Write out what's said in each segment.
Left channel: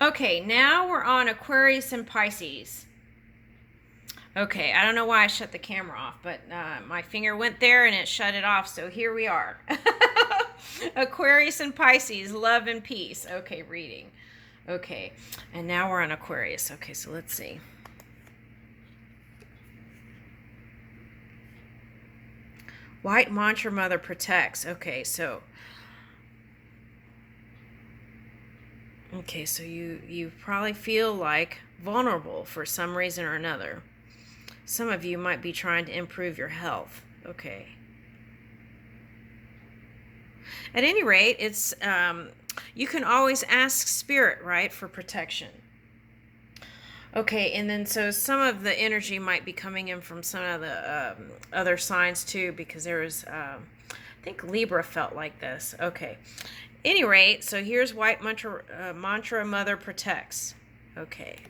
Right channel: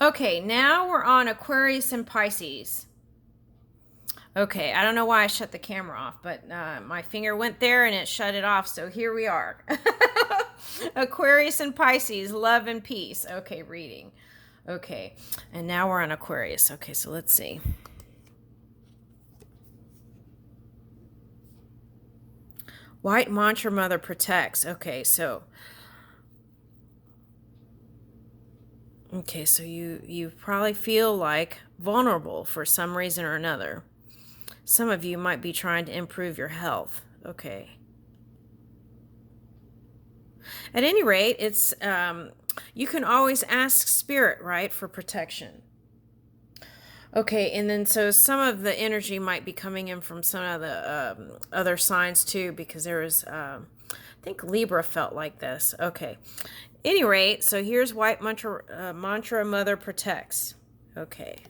Okay, now we're on Aquarius and Pisces. Okay, I don't know why I shut the camera off, but my finger went there and it shut it off, so here we are. Aquarius and Pisces, love and peace. Okay, reading. Okay, and now we're on Aquarius. Okay, so let's see. White Mantra Mother protects. Okay, so you probably feel like vulnerable for some reason or another. Some of you might be trying to improve your health. Okay. At any rate, it's you can always ask Spirit, right, for protection. Okay, and then so some of the energy might be coming in from some of the other signs too, because there was, I think Libra felt like this. Okay. Any rate, so here's White Mantra Mother protects. Okay.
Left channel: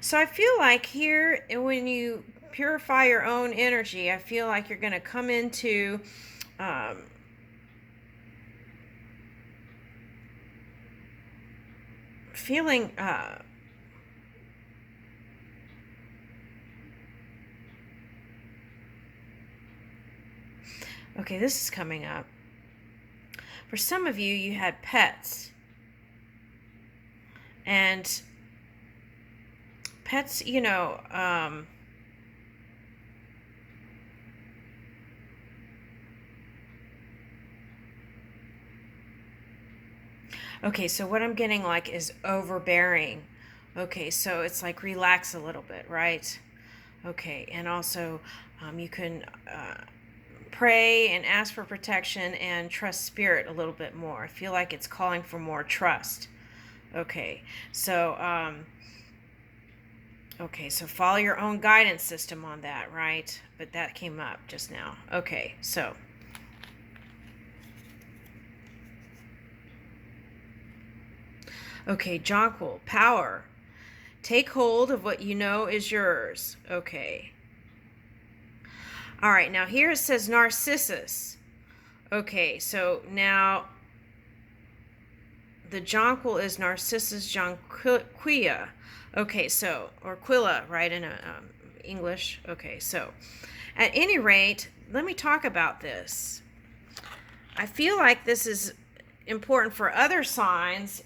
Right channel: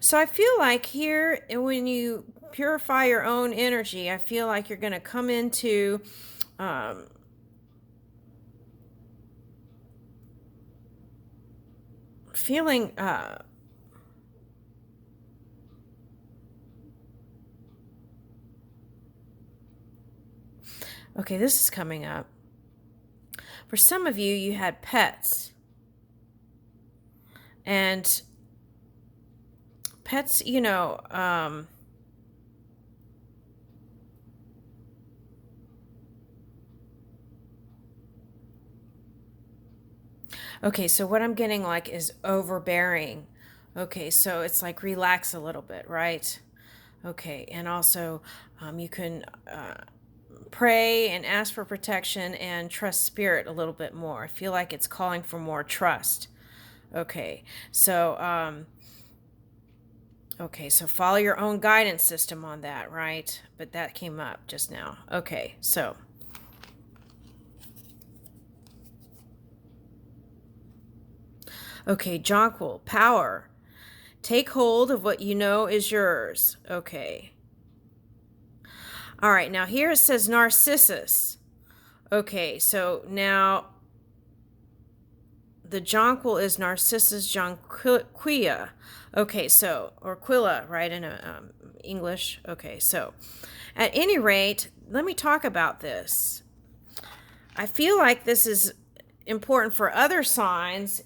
So I feel like here, when you purify your own energy, I feel like you're going to come into um, feeling okay, this is coming up. For some of you, you had pets. And pets, okay, so what I'm getting like is overbearing. Okay, so it's like relax a little bit, right? Okay, and also you can pray and ask for protection and trust Spirit a little bit more. I feel like it's calling for more trust. Okay, so so follow your own guidance system on that, right? But that came up just now. Okay, so okay, Jonquil, power. Take hold of what you know is yours. Okay. All right, now here it says Narcissus. Okay, so now the jonquil is Narcissus jonquilla. Okay, so, or quilla, right, in English. Okay, so at any rate, let me talk about this. I feel like this is important for other signs,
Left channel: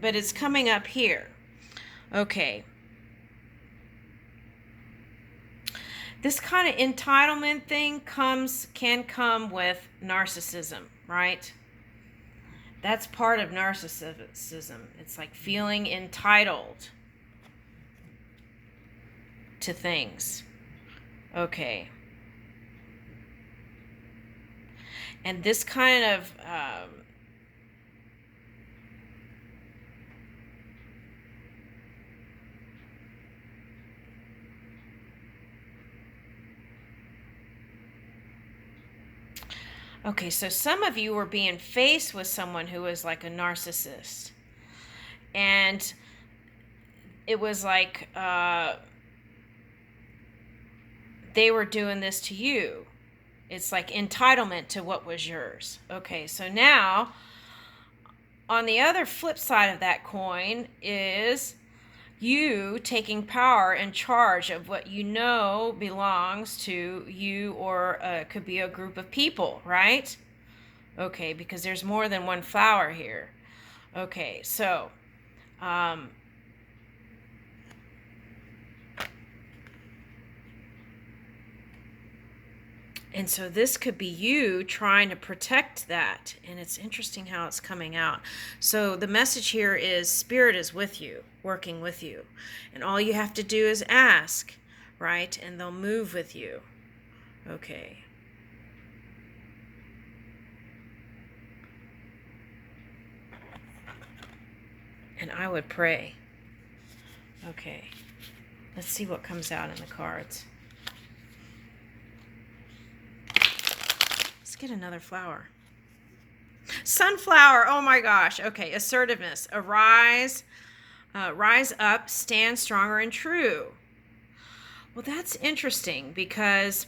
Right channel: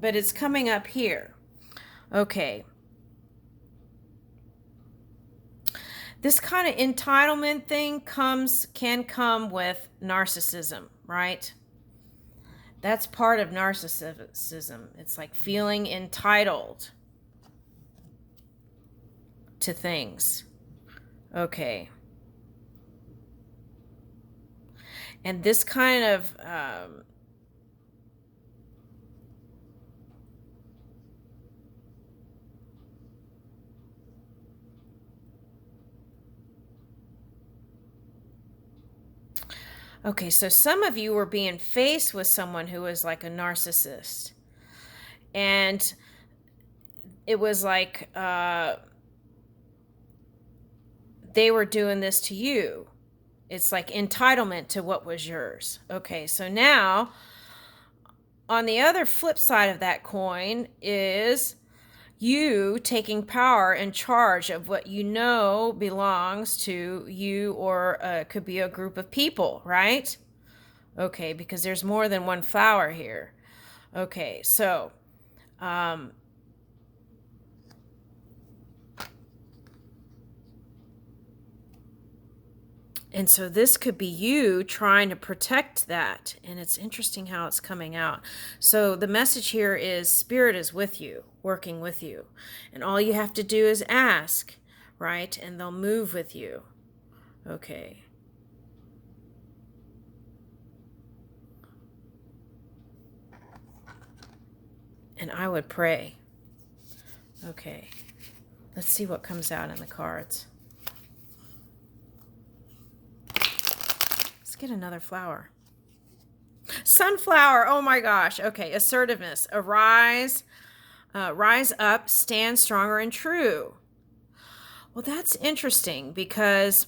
but it's coming up here. Okay. This kind of entitlement thing can come with narcissism, right? That's part of narcissism. It's like feeling entitled to things. Okay. And this kind of okay, so some of you were being faced with someone who was like a narcissist. And it was like they were doing this to you. It's like entitlement to what was yours. Okay, so now on the other flip side of that coin is you taking power and charge of what you know belongs to you, or it could be a group of people, right? Okay, because there's more than one flower here. Okay, so and so this could be you trying to protect that. And it's interesting how it's coming out. So the message here is Spirit is with you, working with you. And all you have to do is ask, right? And they'll move with you. Okay. And I would pray. Okay. Let's see what comes out in the cards. Let's get another flower. Sunflower. Oh my gosh. Okay. Assertiveness. Arise. Rise up. Stand stronger and true. Well, that's interesting because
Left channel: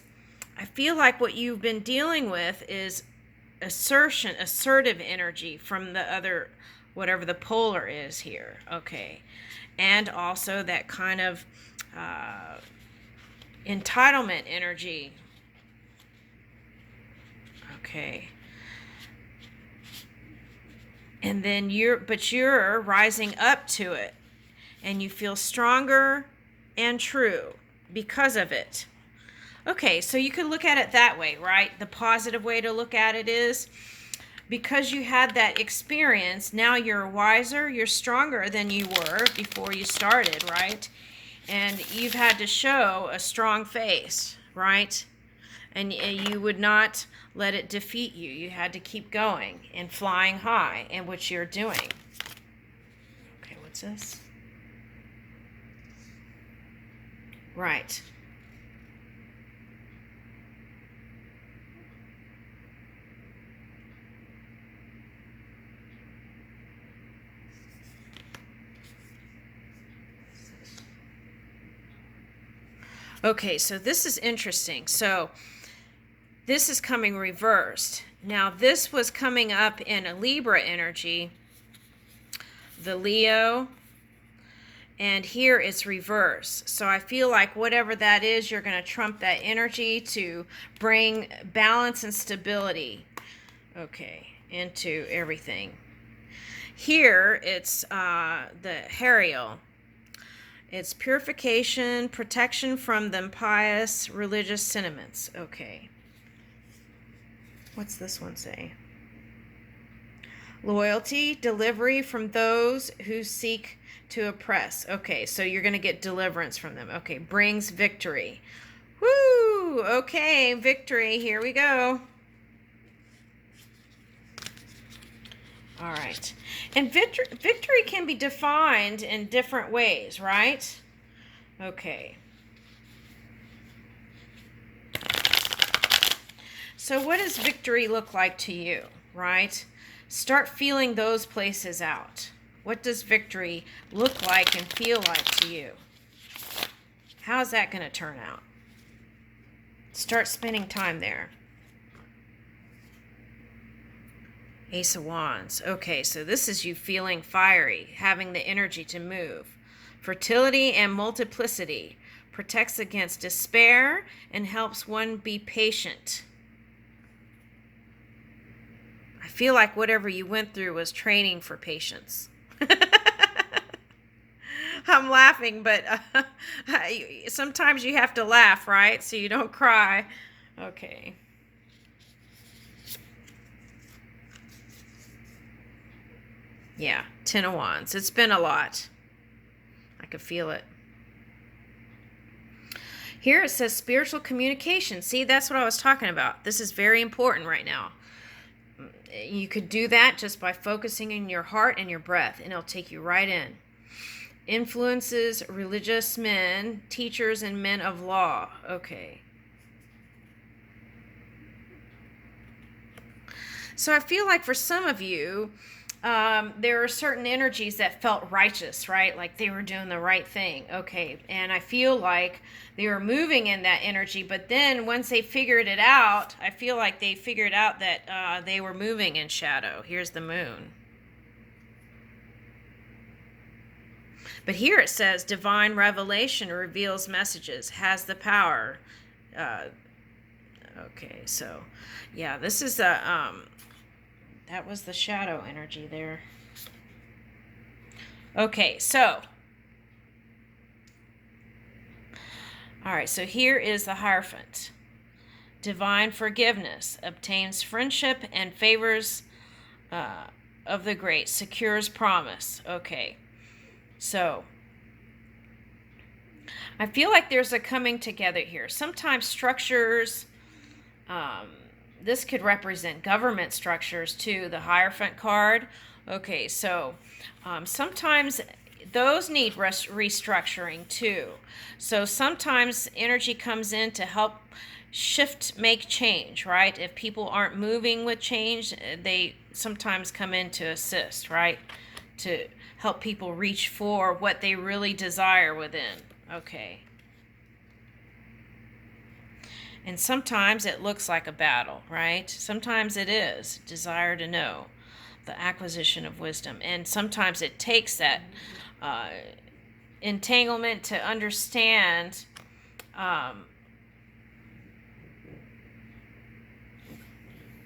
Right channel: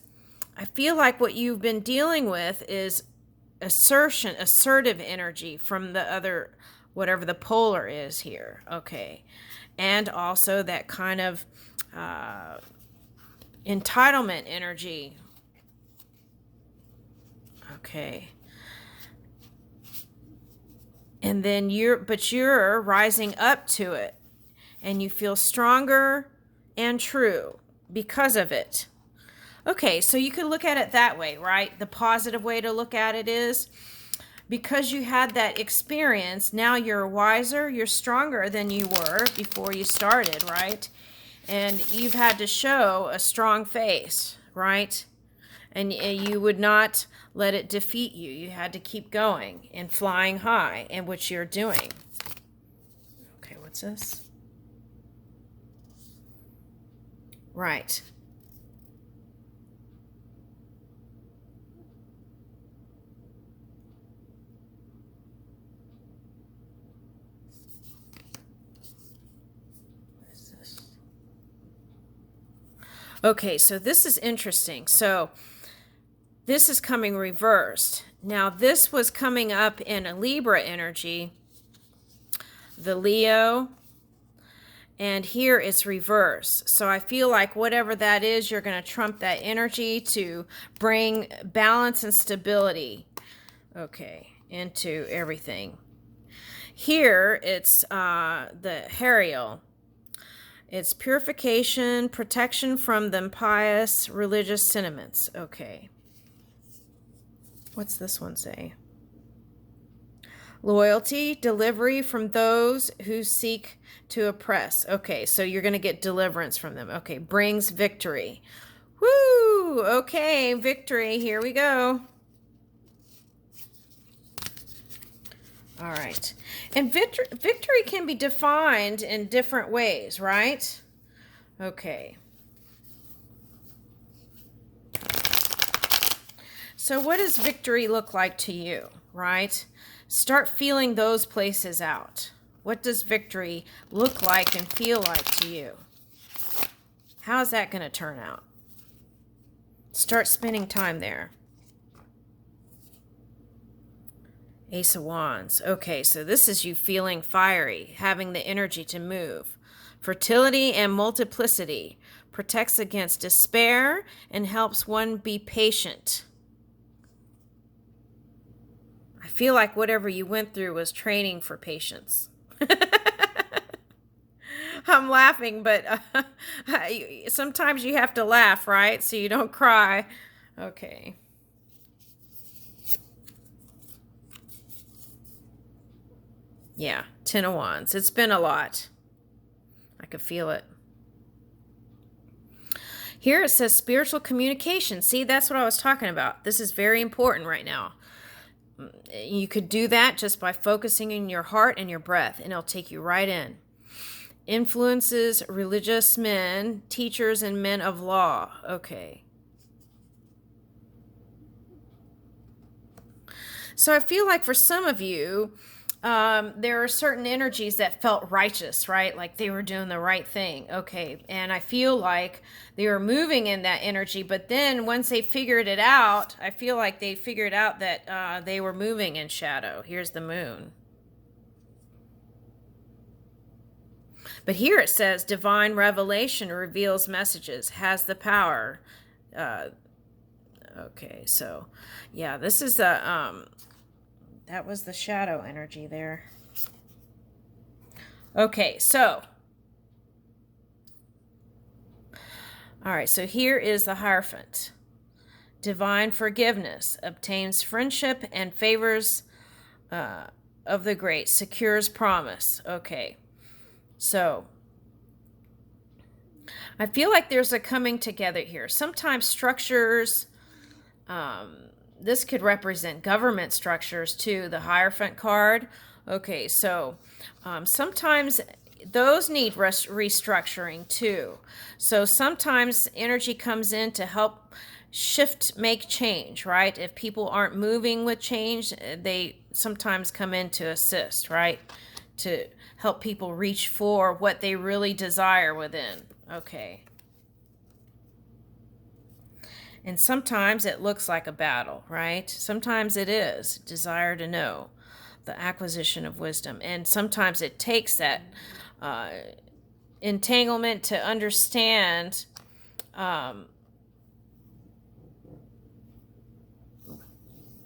I feel like what you've been dealing with is assertive energy from the other, whatever the polar is here. Okay. And also that kind of entitlement energy. Okay. And then you're rising up to it, and you feel stronger and true because of it. Okay, so you could look at it that way, right? The positive way to look at it is, because you had that experience, now you're wiser, you're stronger than you were before you started, right? And you've had to show a strong face, right? And you would not let it defeat you. You had to keep going and flying high, and which you're doing. Okay, what's this? Right. Okay, so this is interesting. So this is coming reversed. Now this was coming up in a Libra energy, the Leo, and here it's reverse. So I feel like whatever that is, you're going to trump that energy to bring balance and stability, okay, into everything. Here it's the Hariel. It's purification, protection from the impious religious sentiments. Okay. What's this one say? Loyalty, delivery from those who seek to oppress. Okay, so you're going to get deliverance from them. Okay, brings victory. Woo! Okay, victory. Here we go. All right. And victory can be defined in different ways, right? Okay. So what does victory look like to you, right? Start feeling those places out. What does victory look like and feel like to you? How's that going to turn out? Start spending time there. Ace of Wands. Okay, so this is you feeling fiery, having the energy to move. Fertility and multiplicity. Protects against despair and helps one be patient. I feel like whatever you went through was training for patience. I'm laughing, but sometimes you have to laugh, right? So you don't cry. Okay. Yeah, Ten of Wands. It's been a lot. I could feel it. Here it says spiritual communication. See, that's what I was talking about. This is very important right now. You could do that just by focusing in your heart and your breath, and it'll take you right in. Influences religious men, teachers, and men of law. Okay. So I feel like for some of you, there are certain energies that felt righteous, right? Like they were doing the right thing. Okay. And I feel like they were moving in that energy. But then once they figured it out, I feel like they figured out that they were moving in shadow. Here's the moon. But here it says divine revelation reveals messages, has the power. Okay. So yeah, this is a, that was the shadow energy there. Okay, so. All right, so here is the Hierophant. Divine forgiveness, obtains friendship and favors of the great, secures promise. Okay, so. I feel like there's a coming together here. Sometimes structures, this could represent government structures too, the Hierophant card. Okay, so sometimes those need restructuring too. So sometimes energy comes in to help make change, right? If people aren't moving with change, they sometimes come in to assist, right? To help people reach for what they really desire within. Okay. And sometimes it looks like a battle, right? Sometimes it is desire to know, the acquisition of wisdom. And sometimes it takes that entanglement to understand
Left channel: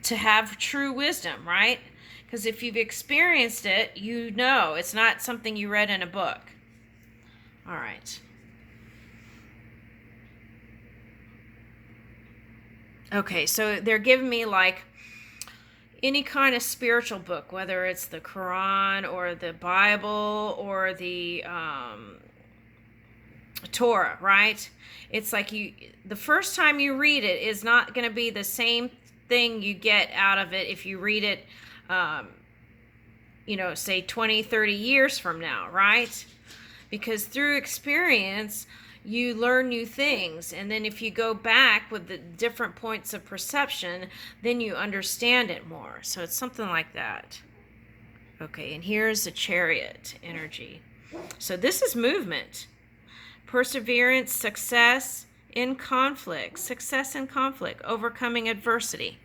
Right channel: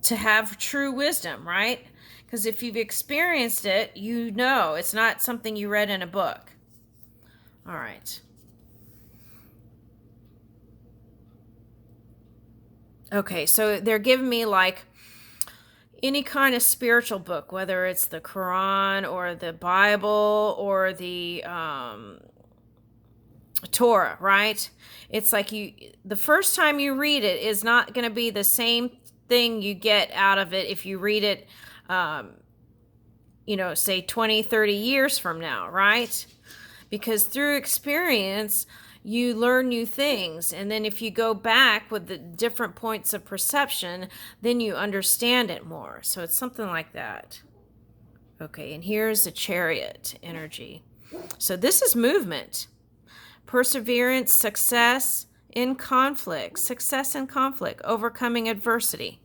to have true wisdom, right? Because if you've experienced it, you know it's not something you read in a book. All right. Okay, so they're giving me like any kind of spiritual book, whether it's the Quran or the Bible or the Torah, right? It's like the first time you read it is not going to be the same thing you get out of it if you read it, say 20, 30 years from now, right? Because through experience, you learn new things. And then if you go back with the different points of perception, then you understand it more. So it's something like that. Okay, and here's the Chariot energy. So this is movement. Perseverance, success in conflict, overcoming adversity.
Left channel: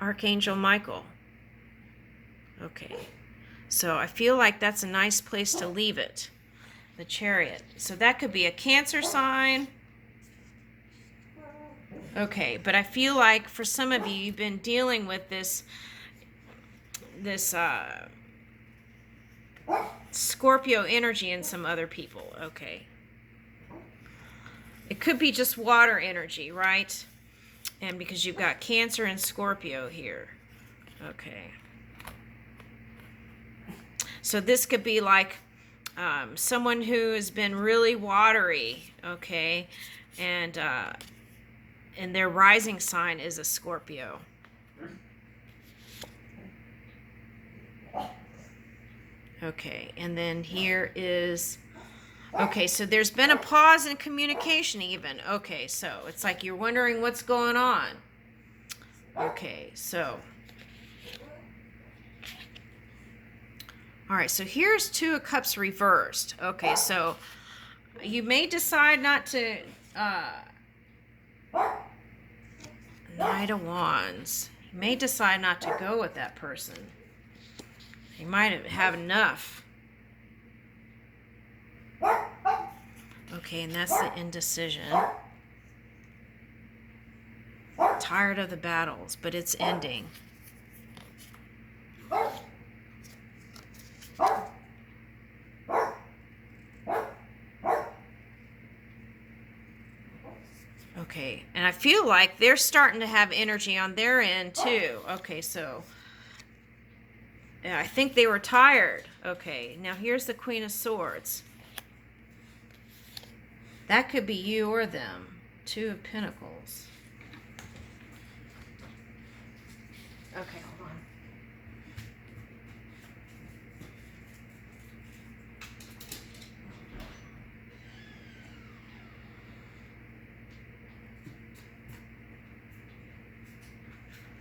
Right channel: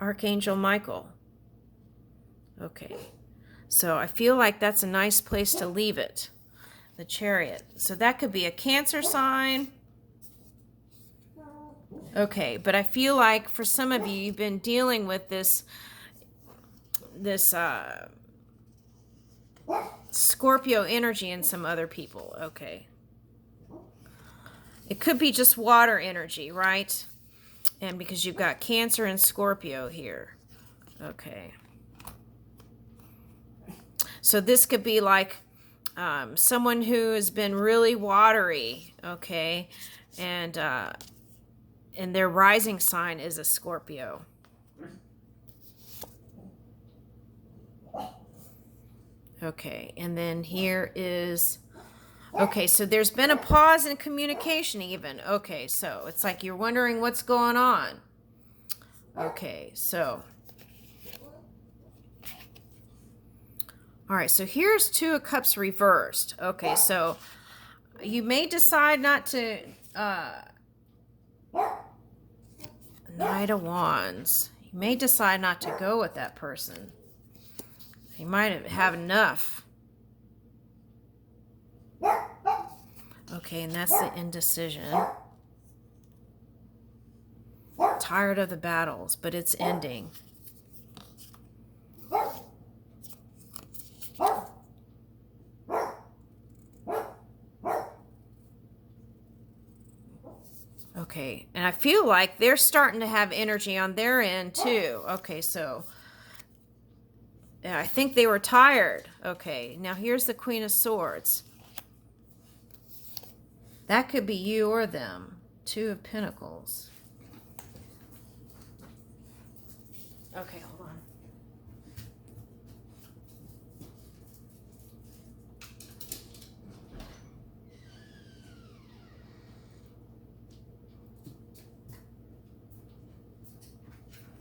Archangel Michael. Okay, so I feel like that's a nice place to leave it. The Chariot. So that could be a Cancer sign. Okay, but I feel like for some of you, you've been dealing with this Scorpio energy in some other people. Okay. It could be just water energy, right? And because you've got Cancer and Scorpio here. Okay. So this could be like someone who has been really watery, okay? And their rising sign is a Scorpio. Okay, and then here is, okay, so there's been a pause in communication even. Okay, so it's like you're wondering what's going on. Okay, so. All right, so here's Two of Cups reversed. Okay, so you may decide not to, Knight of Wands. You may decide not to go with that person. You might have enough. Okay, and that's the indecision. Tired of the battles, but it's ending. Okay, and I feel like they're starting to have energy on their end too. Okay, so yeah, I think they were tired. Okay, now here's the Queen of Swords. That could be you or them. Two of Pentacles. Okay, hold on.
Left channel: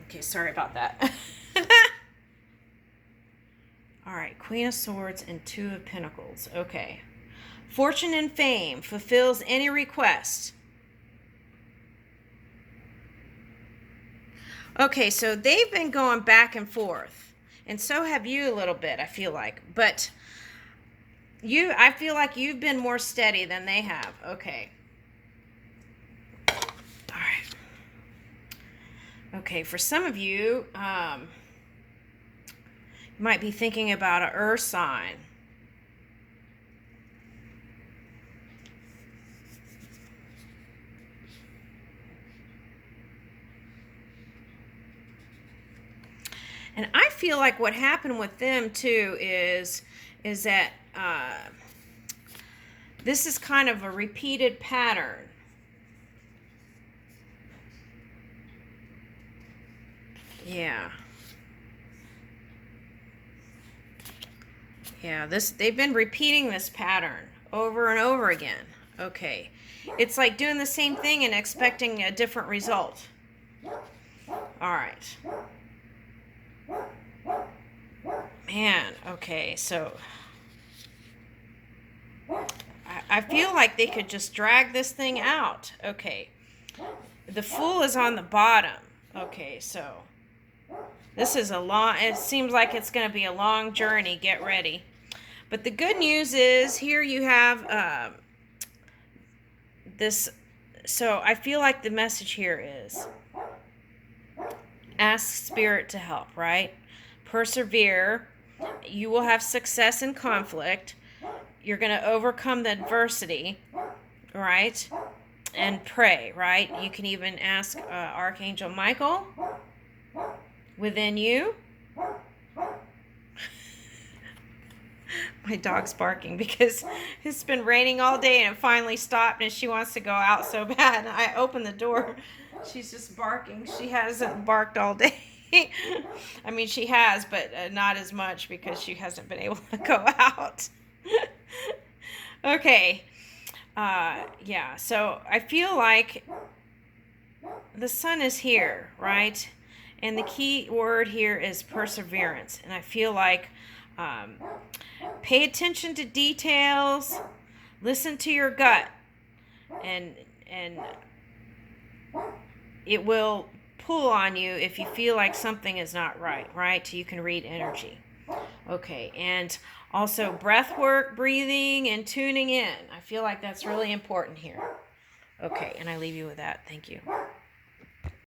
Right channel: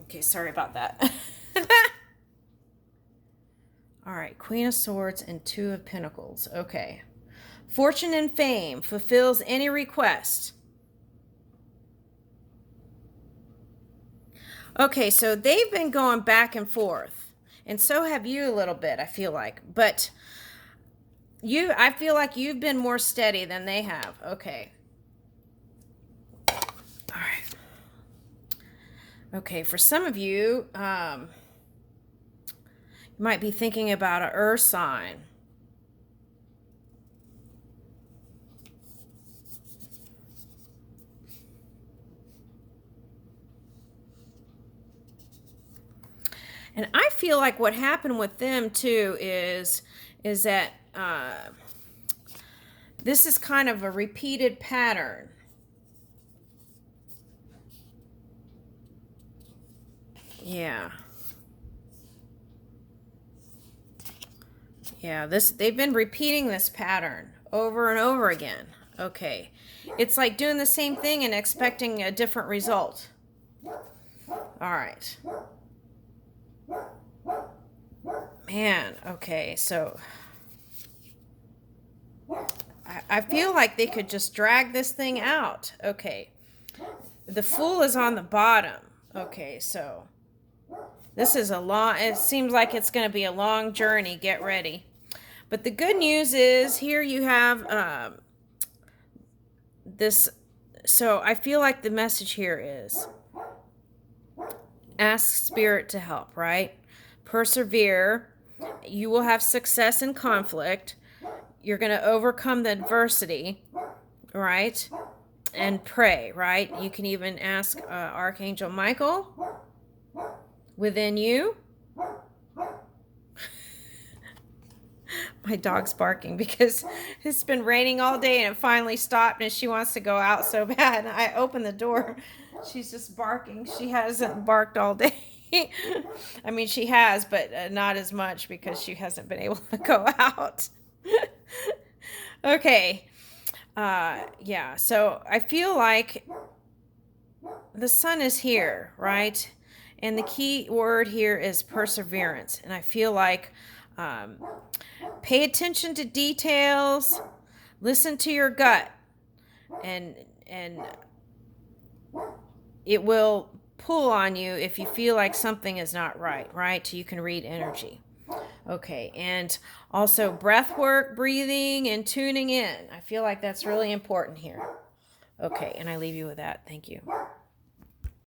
Okay, sorry about that. All right, Queen of Swords and Two of Pentacles. Okay. Fortune and fame fulfills any request. Okay, so they've been going back and forth. And so have you a little bit, I feel like. But I feel like you've been more steady than they have. Okay. All right. Okay, for some of you, you might be thinking about an earth sign. And I feel like what happened with them too is that this is kind of a repeated pattern. Yeah. Yeah, they've been repeating this pattern over and over again. Okay. It's like doing the same thing and expecting a different result. All right. Man, okay, so I feel like they could just drag this thing out. Okay. The Fool is on the bottom. Okay, so this is it seems like it's going to be a long journey. Get ready. But the good news is here you have this. So I feel like the message here is ask Spirit to help, right? Persevere. You will have success in conflict. You're going to overcome the adversity, right? And pray, right? You can even ask Archangel Michael within you. My dog's barking because it's been raining all day and it finally stopped and she wants to go out so bad. I opened the door. She's just barking. She hasn't barked all day. I mean, she has, but not as much because she hasn't been able to go out. Okay. Yeah, so I feel like the sun is here, right? And the key word here is perseverance. And I feel like pay attention to details, listen to your gut, and it will pull on you if you feel like something is not right? So you can read energy. Okay, and also breath work, breathing, and tuning in. I feel like that's really important here. Okay, and I leave you with that. Thank you.